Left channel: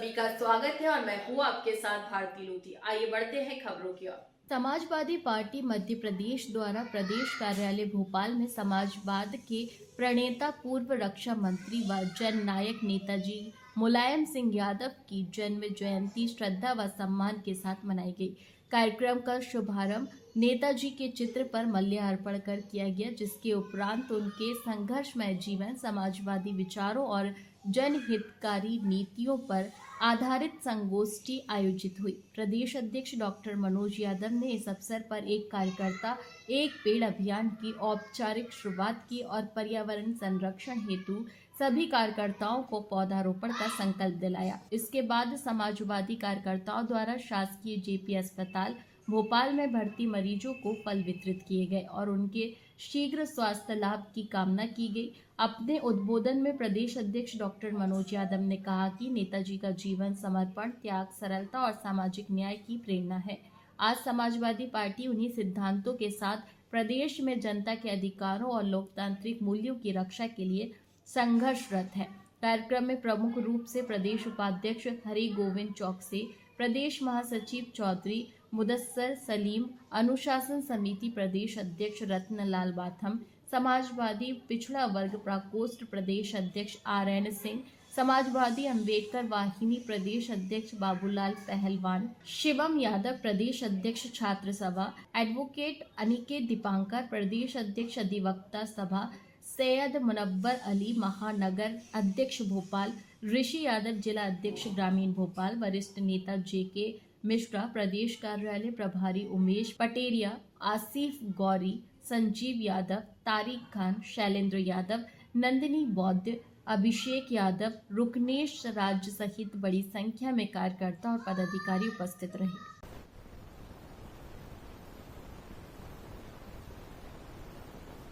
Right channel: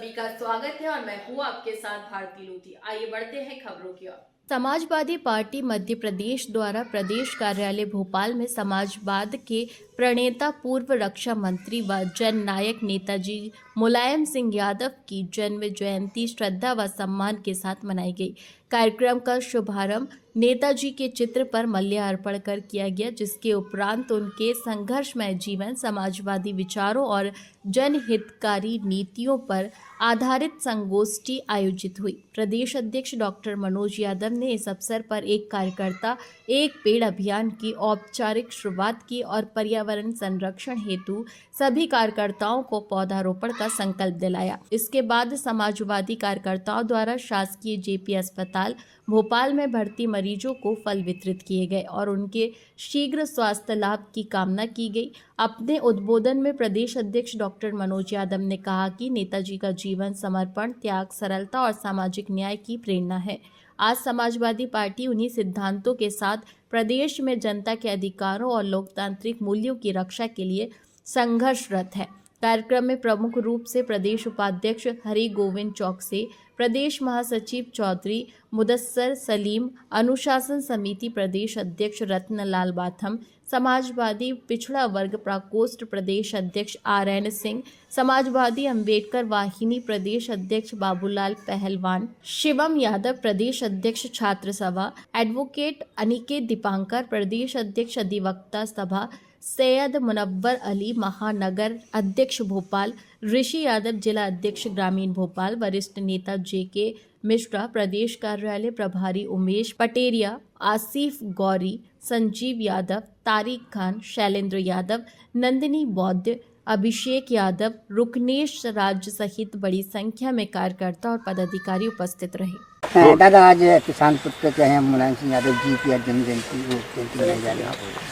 सभी का स्वागत है और मैं हूँ आपके साथ भारती लोधी। आइए बढ़ते हैं खबरों की ओर। समाजवादी पार्टी मध्य प्रदेश द्वारा प्रदेश कार्यालय भोपाल में समाजवाद के प्रणेता पूर्व रक्षा मंत्री व जन नायक नेताजी मुलायम सिंह यादव की जन्म जयंती श्रद्धा व सम्मान के साथ मनाई गई। कार्यक्रम का शुभारंभ नेताजी के चित्र पर माल्यार्पण कर किया गया, जिसके उपरांत उनके संघर्षमय जीवन, समाजवादी विचारों और जनहितकारी नीतियों पर आधारित संगोष्ठी आयोजित हुई। प्रदेश अध्यक्ष डॉक्टर मनोज यादव ने इस अवसर पर एक कार्यकर्ता एक पेड़ अभियान की औपचारिक शुरुआत की और पर्यावरण संरक्षण हेतु सभी कार्यकर्ताओं को पौधारोपण का संकल्प दिलाया। इसके बाद समाजवादी कार्यकर्ताओं द्वारा शासकीय जेपी अस्पताल भोपाल में भर्ती मरीजों को फल वितरित किए गए और उनके शीघ्र स्वास्थ्य लाभ की कामना की गई। अपने उद्बोधन में प्रदेश अध्यक्ष डॉक्टर मनोज यादव ने कहा कि नेताजी का जीवन समर्पण, त्याग, सरलता और सामाजिक न्याय की प्रेरणा है। आज समाजवादी पार्टी उन्हीं सिद्धांतों के साथ प्रदेश में जनता के अधिकारों और लोकतांत्रिक मूल्यों की रक्षा के लिए संघर्षरत है। कार्यक्रम में प्रमुख रूप से प्रदेश उपाध्यक्ष हरि गोविंद चौकसे, प्रदेश महासचिव चौधरी मुदस्सर सलीम, अनुशासन समिति प्रदेश अध्यक्ष रत्नलाल बाथम, समाजवादी पिछड़ा वर्ग प्रकोष्ठ प्रदेश अध्यक्ष RN सिंह, समाजवादी अंबेडकर वाहिनी प्रदेश अध्यक्ष बाबूलाल पहलवान, शिवम यादव प्रदेश अध्यक्ष छात्र सभा, एडवोकेट अनिकेत दीपांकर प्रदेश अध्यक्ष अधिवक्ता सभा, सैयद मुनव्वर अली महानगर अध्यक्ष भोपाल, ऋषि यादव जिला अध्यक्ष ग्रामीण भोपाल, वरिष्ठ नेता JK मिश्रा प्रदेश कार्यालय प्रभारी, उमेश पटेरिया, आसिफ गौरी, संजीव यादव, तारिक खान, शैलेंद्र यादव, नंदिनी बौद्ध, अभिषेक यादव, रुकनेश राज्य सहित बड़ी संख्या में कार्यकर्ता और पदाधिकारी उपस्थित रहे। दादा, आज किसान पुत्र के हैं मुलायम सिंह यादव जी की जन्म जयंती मनाई जा रही है।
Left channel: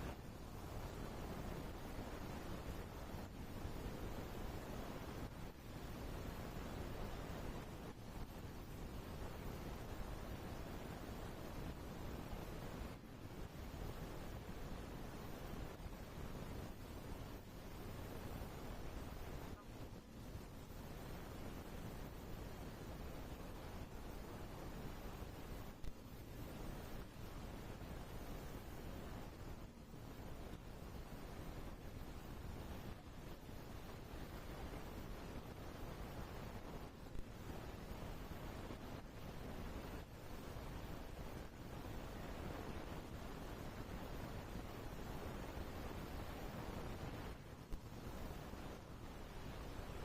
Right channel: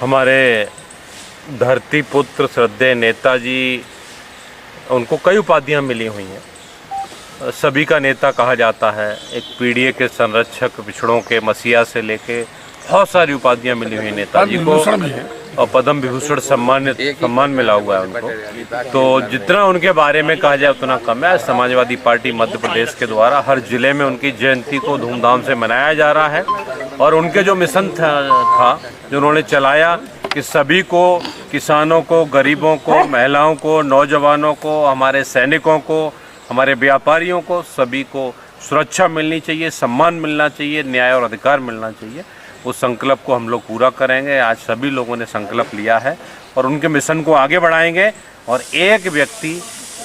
हमारे धरती पुत्र श्रद्धेय नेताजी, उनको कई उपाधियां मिली हुई हैं। सभी का नेता कहा जाता है। एक पीढ़ी के संरक्षक, पिछड़ों के मसीहा से लेके बहुत सारी उपाधियां मिली हुई नेताजी को और पद्म विभूषण सम्मान मिला हुआ है उनको। तो जितना उनके बारे में कहा जाए उतना कम है। समाजवादी पार्टी मध्य प्रदेश के द्वारा हर जिले में उनकी जयंती को धूमधाम से मनाया जा रहा है और उनके जो मिशन था जो उन्होंने चलाया कि सभी को, किसानों को, गरीबों को, महिलाओं को, नौजवानों को, हमारे सैनिकों को, हमारे व्यापारियों को, सभी को सुरक्षा मिलनी चाहिए, सम्मान मिलना चाहिए, न्याय और अधिकार मिलना चाहिए। उस संकल्प को हम लोग पूरा करेंगे। आज सभी लोगों ने संकल्प लिया है और उनके मिशन को आगे बढ़ाएंगे और एक व्यक्ति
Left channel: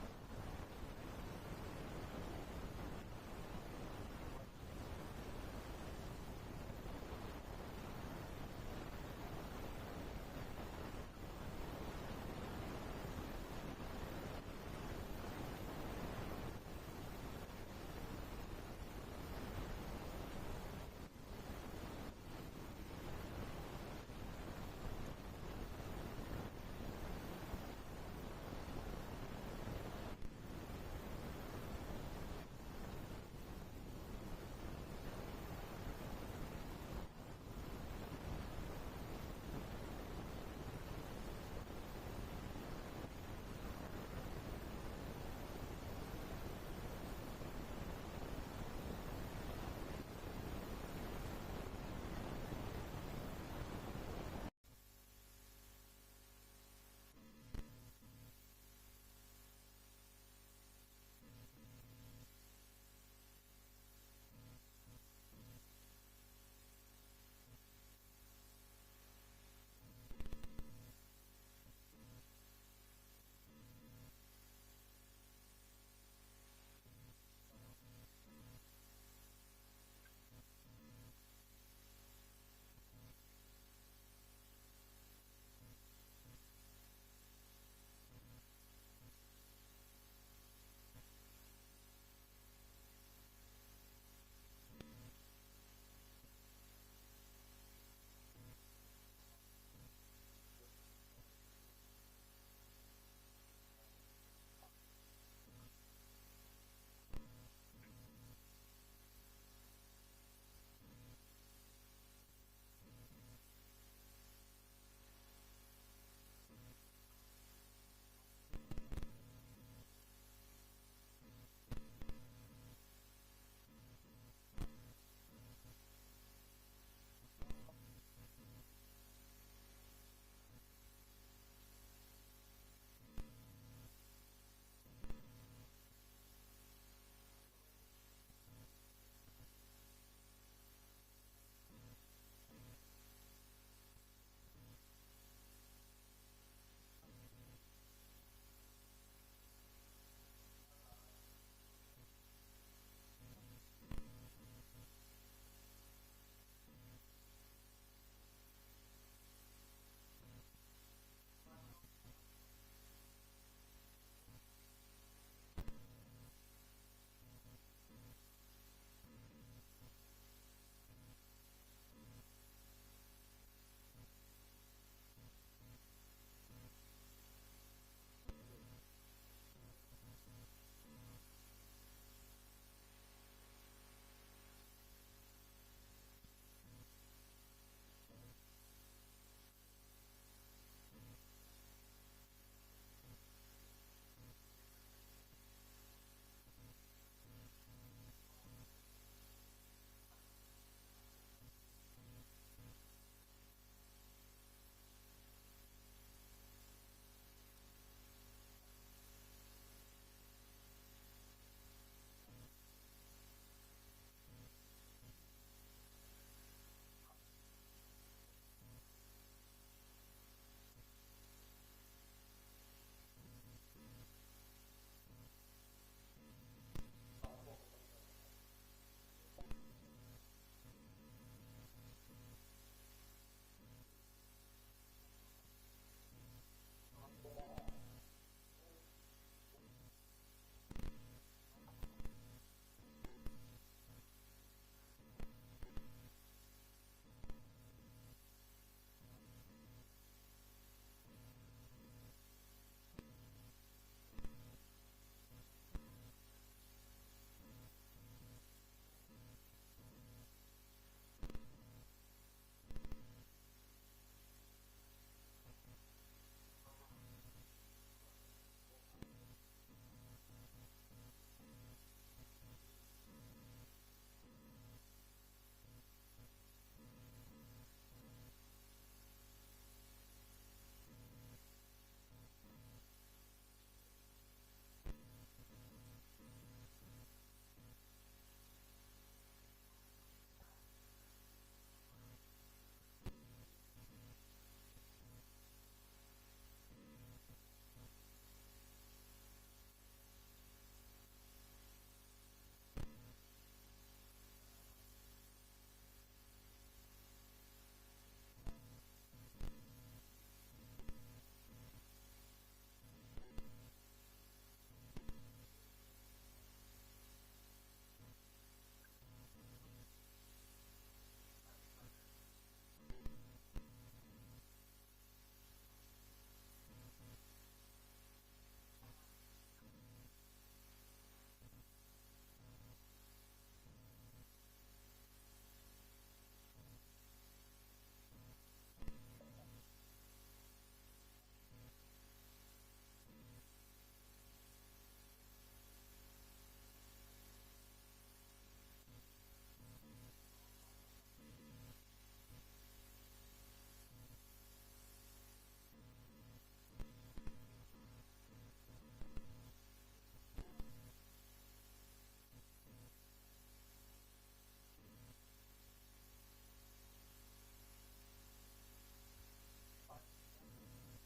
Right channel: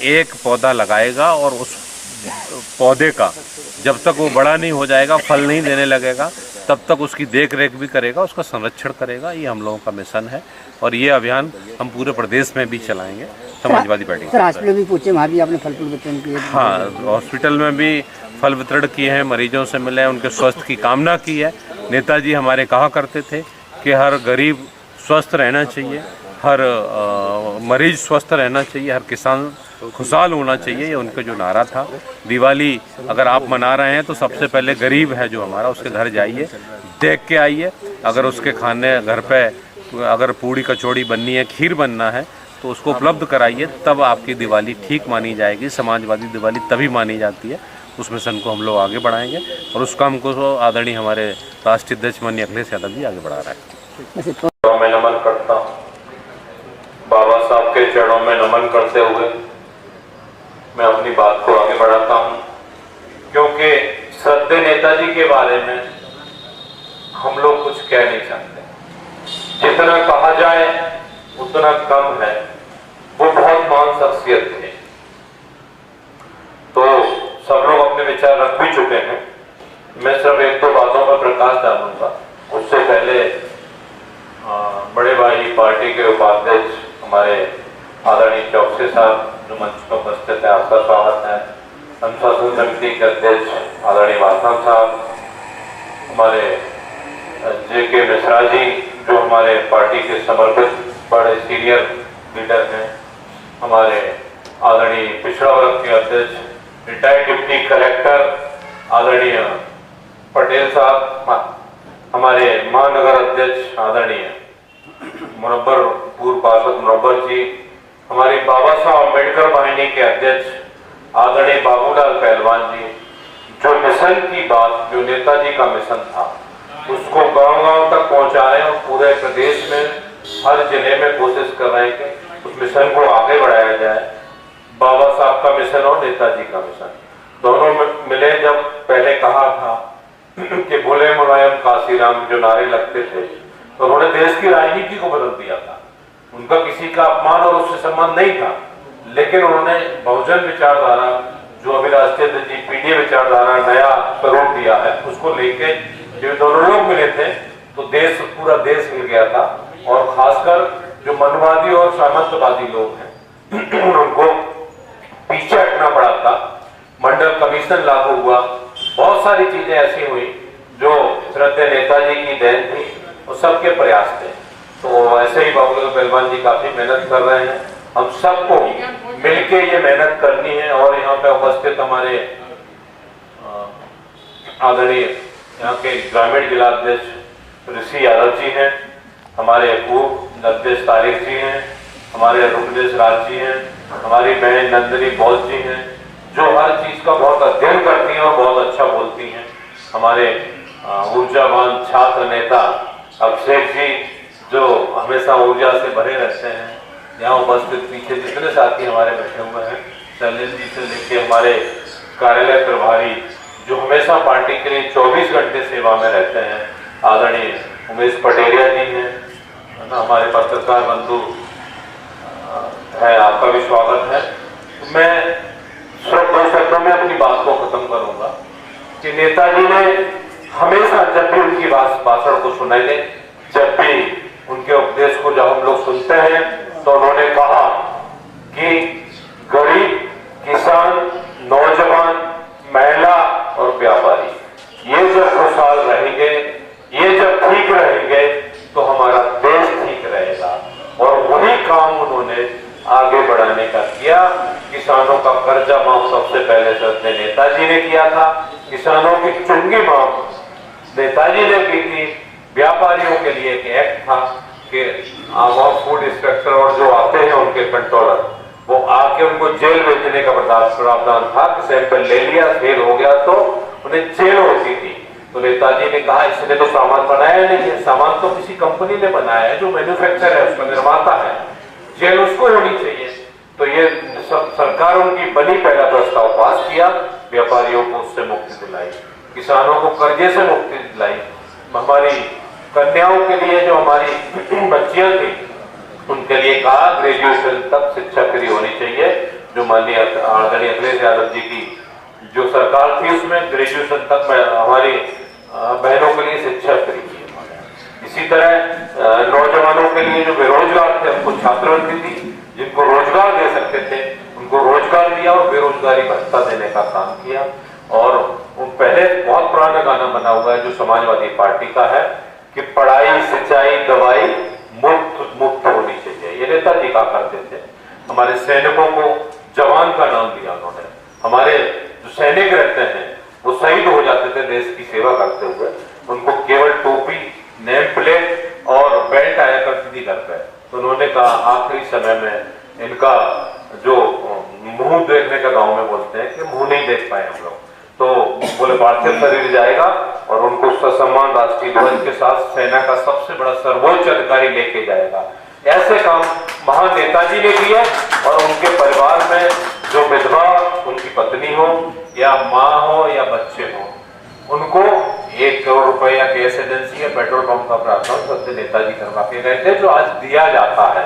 एक पौधा लगाएगा और उस पौधे का जब तक वो बड़ा नहीं हो जाएगा, फल नहीं देने लगेगा, तब तक उसकी देख रेख भी करेगा, उसका संरक्षण करेगा। ये हम लोगों का मिशन है और ये अभियान हम पूरे प्रदेश में भी चलाएंगे समाजवादी पार्टी। सर, हॉस्पिटल भी पूछे, वहाँ भी आपने फल फूल वितरण किए? हाँ, हॉस्पिटल में भी फल वितरण किए हैं, मरीजों से मिले, उनके स्वास्थ्य की कामना की है। नेताजी हमारे कहा करते थे कि हर गरीब स्वस्थ रहना चाहिए, हर मरीज स्वस्थ रहना चाहिए, हर किसान खुशहाल होना चाहिए। ये उनका जो नारा था। दिवाली अगर आप मना रहे हैं तो सबसे पहले गरीब है जो हमारा, उसके घर जाइए, देख के आइए। अगर उसके खाने घर पे अगर पूड़ी कचौड़ी बननी है, खीर बनना है तो उसको उपलब्ध कराइए, तब आपकी दिवाली ठीक मानी जाएगी। समाजवादी दिवाली तभी मानी जाती है। उस मिशन को हम लोग आगे बढ़ाएंगे और उस काम को आदरणीय हमारे राष्ट्रीय अध्यक्ष माननीय अखिलेश यादव जी आगे बढ़ा रहे हैं। मैं नमन करता हूँ, बाबा साहब के चरणों में नमन करते हुए मैं अपनी बात को आगे बढ़ाता हूँ, क्योंकि श्रद्धेय नेताजी के बारे में हम लोग कुछ कह नहीं सकते। जितना कहा जाए उतना कम है। वो बहुत महान शख्सियत थे। तो सब लोग अपने विचार रख भी चुके हैं। मैं सिर्फ एक दो बातों पर प्रकाश डालूंगा। उससे पहले बड़े भाई पार्टी के उपाध्यक्ष हमारे आदरणीय चौकसे साहब जो मंच पर उपस्थित है, आपका स्वागत है। अनुशासन समिति के अध्यक्ष आदरणीय वासम साहब, हमारे JK मिश्रा जी जो हमारे पार्टी के समर्पित बड़े सीनियर लीडर हैं, हमारे आदरणीय पिछड़ा वर्ग के अध्यक्ष रिटायर्ड डिप्टी कलेक्टर आदरणीय पटेल साहब, हमारे महानगर अध्यक्ष आदरणीय पूर्व पार्षद मुनव्वर जी, हमारी बाबा साहब अम्बेडकर वाहिनी के अध्यक्ष आदरणीय बाबूलाल पहलवान जी जो मिशन की बात, जो नेताजी का मिशन था, उसको गांव-गांव तक पहुंचा रहे हैं और पूरे प्रदेश में हर जिले में कोशिश कर रहे हैं कि उस मिशन को आगे बढ़ाया जाए। बाबा साहब का मिशन और नेताजी का मिशन दोनों मिले। जब पहले कहा था कि बोले मुलायम काशीराम जो नारे लगते थे, तो उन्होंने देश की राजनीति को बदल दिया था। उनका किसी का अपमान और उससे संबंध नहीं था, लेकिन उन्होंने बहुजन विचारधारा जो अभी राष्ट्रीय पीडीए विचारधारा नया स्वरूप दिया है, उसको लेके जो दोनों लोग मिले थे तो देश, पूरा देश मिल गया था। और खासकर जो मनवादी और सामंतवादी लोग हैं उनको पीछे हटना पड़ा था। मंडल कमीशन लागू हुआ, बहुत सारी चीजें ऐसी हुई जो श्रद्धेय नेताजी की देन थी और सबके प्रयास थे। तो ऐसे ही बाबूलाल पहलवान जी काफी मेहनत कर रहे हैं। हम सबको मिलके ये मेहनत करनी है। और यहाँ पे उपस्थित हमारे आदरणीय यहाँ के ग्रामीण जिला अध्यक्ष ऋषि यादव जी हैं, हमारे पूर्व अध्यक्ष तारिक जी हैं, हमारे रुकनेश राज जी हैं, हमारी बहन नंदिनी बौद्ध जी हैं जो हर चीज का बहुत अध्ययन करती हैं और बहुत अच्छा बोलती हैं। हमारे ऊर्जावान छात्र नेता अभिषेक जी जो हमेशा ऊर्जा से भरे रहते हैं। यहाँ उपस्थित पीछे जितने साथी हमारे बैठे हुए हैं, शैलेंद्र जी से लेके हमारे कार्यालय प्रभारी जो हमेशा पार्टी के लिए 24 घंटे सेवा में रहते हैं, आदरणीय उमेश पटेरिया जी हैं, है ना, हमारे पत्रकार बंधु है, आपका भी स्वागत है। मैं सिर्फ 2 शब्दों में अपनी बात को खत्म करूंगा कि नेताजी ने हमेशा जब भी उनकी भाषण को सुनेंगे, जब भी उनके उपदेश को जब हम लोग सुनते हैं, तो उन्होंने कहा कि गरीब, किसान, नौजवान, महिला और व्यापारी ये जब खुशहाल रहेंगे, ये जब ठीक रहेंगे तो हमारा देश ठीक रहेगा। और वही काम उन्होंने आगे बढ़ाने का किया। किसानों का कर्जा माफ सबसे पहले श्रद्धेय नेताजी ने किया था। किसानों की चुंगी माफ नेताजी ने की थी। व्यापारियों के लिए एक एक्ट था कि वहाँ फूड इंस्पेक्टर और जो आते हैं उनके कंट्रोलर, वो आके उनको जेल भेजने का प्रावधान था कि सैंपल ले लिया, फेल हो गया तो उन्हें जेल होती थी। तो नेताजी ने कहा इसने तो सामान बनाया नहीं है, सामान तो किसी कंपनी ने बनाया है जो मैन्युफैक्चर है, उसका निर्माता है, जेल उसको होनी चाहिए। तो ये सरकार उनकी बनी, पहला प्रस्ताव पास किया, व्यापारियों को उससे मुक्ति दिलाई, किसानों को कर्जे से मुक्ति दिलाई, हमारी कन्याओं के लिए जो हमारी बच्चियां थी उनके लिए कहा ग्रेजुएशन तक शिक्षा फ्री होनी चाहिए। जो माननीय आदरणीय अखिलेश यादव जी की जो सरकार थी उसमें ग्रेजुएशन तक हमारी बहनों के लिए शिक्षा फ्री की। इसी तरह नौजवानों के लिए जो बेरोजगार थे उनको छात्रवृत्ति दी, जिनको रोजगार दे सकते थे उनको रोजगार दिया और बेरोजगारी भत्ता देने का काम किया। और वो पहले बहुत पुराना गाना बना हुआ है जो समाजवादी पार्टी का है कि पढ़ाई, सिंचाई, दवाई मुफ्त होनी चाहिए। ये नेताजी कहा करते थे। हमारे सैनिकों को जवान का नाम दिया उन्होंने। हमारे जो सैनिक रहते हैं वो शहीद हो जाते थे देश की सेवा करते हुए, उनको केवल टोपी, नेम प्लेट और बेल्ट आया करती थी घर पे। तो उन्होंने कहा आखिरी समय में इनका जो मुंह देखने का गांव में बोलते हैं कि मुंह नहीं देख पाए हम लोग, तो बोले पार्थिव शरीर जाएगा और उनको ससम्मान राष्ट्रीय ध्वज के साथ सेना का सबसे बड़ा सर्वोच्च अधिकारी लेके जाएगा। ऐसे काम महान नेताजी ने किए। और उनके परिवार में जो विधवा, उनकी पत्नी हो या माँ हो या बच्चे हो, उनको 1 करोड़ रुपया गैस एजेंसी या पेट्रोल पंप का प्रावधान श्रद्धेय नेताजी करवा के गए थे, जो आज दिया जाता है।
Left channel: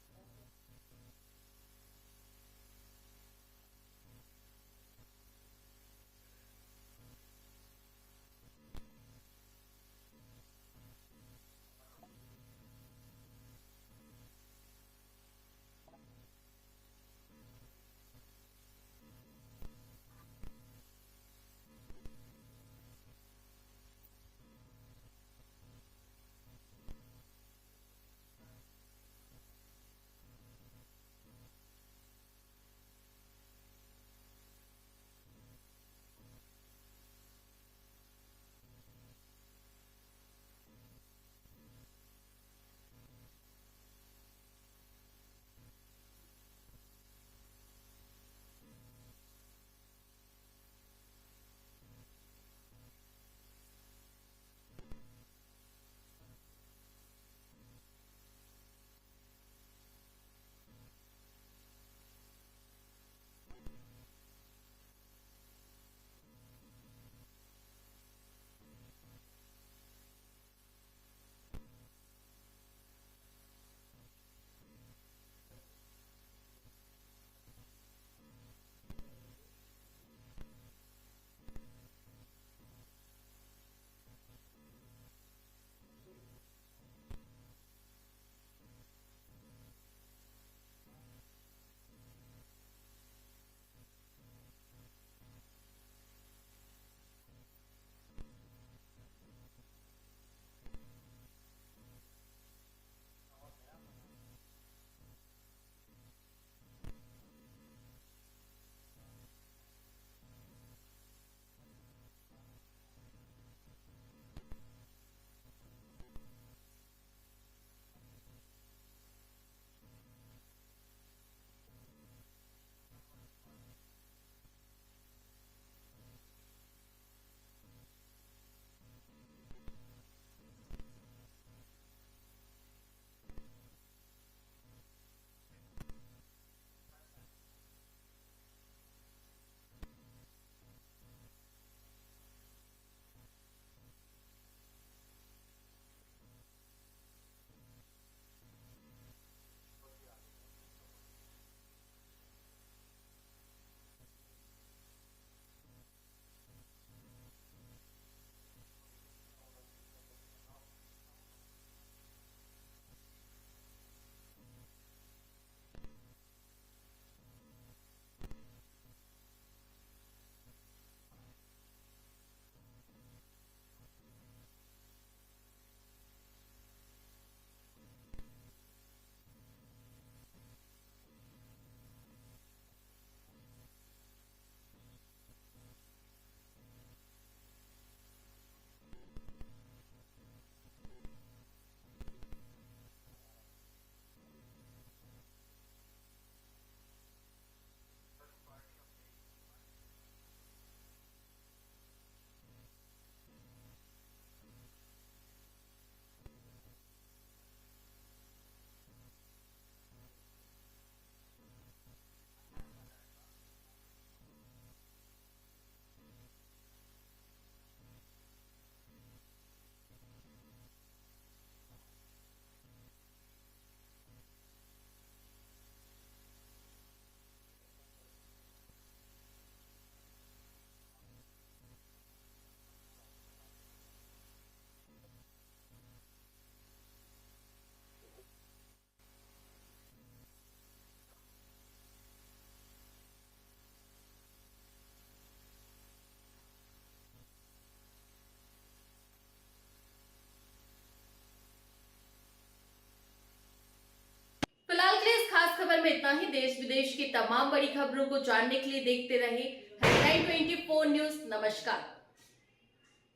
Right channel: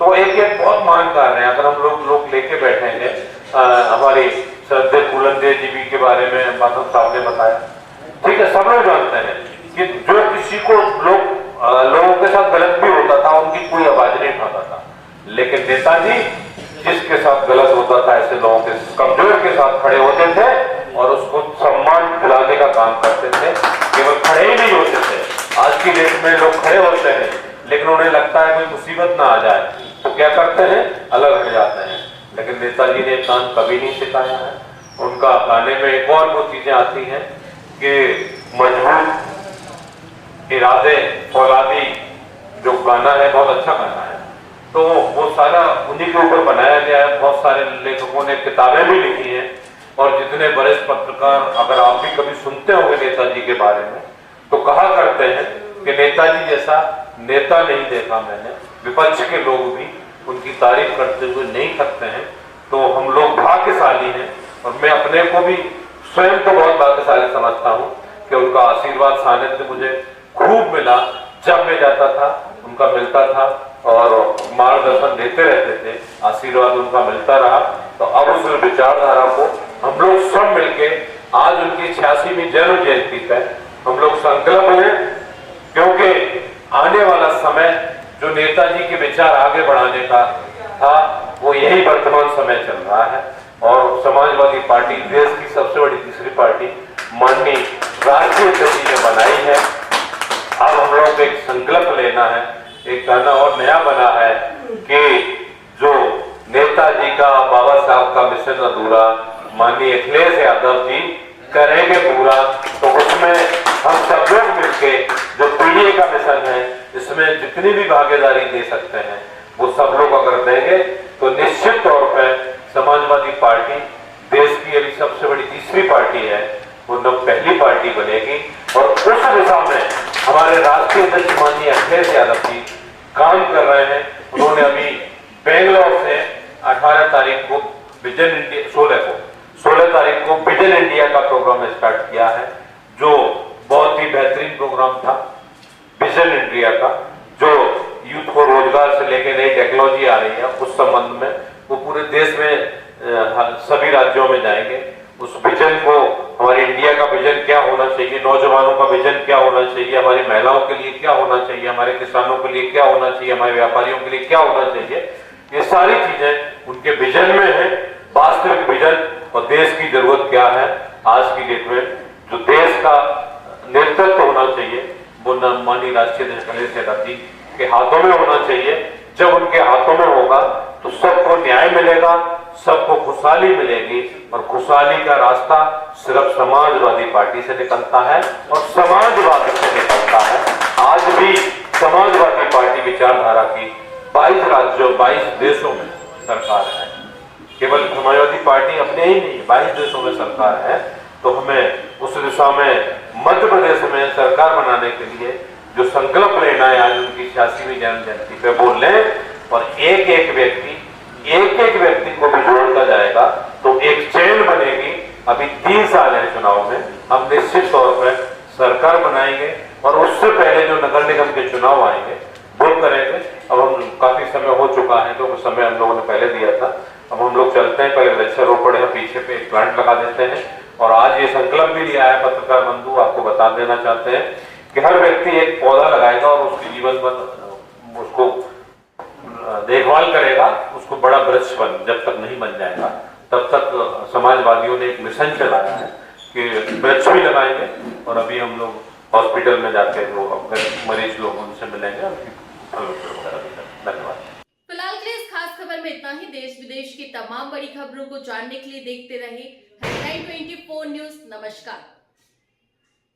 तो एक बहुत महान कार्य है। अगर हम लोग लेके बैठेंगे, हमारी श्रद्धेय फूलन देव जी के बारे में माधव साहब ने बताया, ठीक है, सब लोग जानते हैं कि जो किसी को लोगों के साथ गलत भी होता था उनकी कोई आवाज नहीं उठाता था, लेकिन नेताजी जिसके साथ गलत होता था ऐसे लोगों के, कमजोर के साथ खड़े होते थे और उसको सम्मान दिलाने का काम करते थे। केवल खड़े ही नहीं होते थे। आज की डेट में लोग खड़े होते हैं लेकिन उन्हें लगता है कोई मुसीबत ना आ जाए तो क्या करते हैं, अलग हट जाते हैं। लेकिन नेताजी ने काम कभी नहीं सिखाया है। उनका गाने में एक और वो चीजें आती हैं कि मजबूत इरादे फौलादी, जो गाना है बहुत अच्छा गाना है, तो वो सारा उन्हीं के ऊपर बनाया गया है। बहुत सारे लेखकों ने किताबें भी लिखी हैं और जितने वरिष्ठ पत्रकार, अगर आप भी कभी सुनते होंगे नेताजी के बारे में, तो कहा करते हैं कि नेताजी जैसा नेता नहीं देखा मैंने। विपक्ष के लोग भी उनकी तारीफ करते हुए नहीं थकते हैं। तो हम लोग भाग्यशाली हैं और मैं अपने को भी स्वयं को बहुत भाग्यशाली समझता हूँ कि उनका आशीर्वाद सानिध्य मुझे खूब मिला। जब मैं जाता था उनका मिलता था और मार्गदर्शन देते रहते थे, आशीर्वाद उनका मिलता रहा। तो अब उस विचारधारा को हम लोग सब मिलके आज उनकी 86वीं जन्म जयंती पर हम लोग संकल्प लें, क्योंकि आने वाला समय जो नेताजी के विचार आगे बढ़ाने का था वो यही वर्तमान समय चल रहा है। और समाजवादी पार्टी देश की सबसे बड़ी तीसरी पार्टी माननीय राष्ट्रीय अध्यक्ष जी ने बनाई है। अब हम लोग को एक संकल्प लेना है, एक गाना और नया बना है कि जो नेताजी का, बाबा साहब का मिशन अधूरा माननीय अखिलेश यादव जी करेंगे पूरा। तो उसमें हम सब लोग मिलके जो पीडीए का मिशन है, इसमें जितनी भी भागीदारी दे सकते हैं वो सब लोग अगर देंगे तो निश्चित तौर पर समाजवादी पार्टी देश की अभी सबसे बड़ी तीसरी पार्टी है, वो पहली पार्टी बनेगी। और उस दिशा में हमारे राष्ट्रीय अध्यक्ष माननीय अखिलेश यादव जी काम कर रहे हैं। उन्होंने अभी बेंगलोर से 18 तारीख को विजन इंडिया, 16 तारीख को विजन इंडिया का प्रोग्राम स्टार्ट किया है, जो बहुत ही बेहतरीन प्रोग्राम था विजन इंडिया का, जो यूथ को रोजगार से लेकर नई टेक्नोलॉजी आ रही है उस संबंध में वो पूरे देश में सभी राज्यों में जाएंगे। उस विजन को, हमारी इंडिया का विजन क्या होना चाहिए, नौजवानों का विजन क्या होना चाहिए, हमारी महिलाओं के लिए क्या होना चाहिए, हमारे किसानों के लिए क्या होना चाहिए, हमारे व्यापारियों के लिए क्या होना चाहिए, ये सारी चीजें उनके विजन में है। वास्तविक विजन और देश की जरूरत क्या है आज की डेट में, जो देश का नेतृत्व होना चाहिए वो माननीय राष्ट्रीय अध्यक्ष अखिलेश यादव जी के हाथों में होना चाहिए। जब उनके हाथों में होगा तो सबको न्याय मिलेगा, सबको खुशहाली मिलेगी और खुशहाली का रास्ता सिर्फ समाजवादी पार्टी से निकलता है और समाजवाद से निकलता है। आज भी समाजवादी पार्टी विचारधारा की 22 राज्यों 22 देशों में सरकार है। केवल समाजवादी पार्टी अपने ही नहीं, 22 देशों में सरकार है। तो हमें उस दिशा में मध्य प्रदेश में सरकार बनाने के लिए जो संकल्प लेना है आज उनकी 86वीं जन्म जयंती पे बोल लें और एक एक व्यक्ति को भी जोड़ता जाएगा तो एक चेन बनेगी। अभी 3 साल है चुनाव में, हम निश्चित तौर पर सरकार बनाएंगे और उससे पहले जो नगर निगम के चुनाव आएंगे वो करेंगे। अब हम काफी समय हो चुका है, तो समय हम लोगों ने पहले दिया था। अब हम लोग चलते हैं, पहले वृक्षारोपण है, पीछे पे एक प्लांट लगा देते हैं। और आज ये संकल्प भी लिया है पत्रकार बंधु, आपको बता देना चाहते हैं कि हर व्यक्ति एक पौधा लगाएगा और उसके जीवन में उसको देखभाल करेगा, उसको बड़ा वृक्ष जब तक नहीं बन जाएगा तब तक समाजवादियों ने एक मिशन चलाया है कि वृक्ष भी लगाएंगे। और अभी हम लोग हॉस्पिटल में जाके जो मरीज लोग उनसे मिलेंगे। धन्यवाद। फिलहाल के लिए इस खास खबर में इतना ही। देश विदेश की तमाम बड़ी खबरों को जानने के लिए देखते रहे हेडलाइन 24 न्यूज। नमस्कार।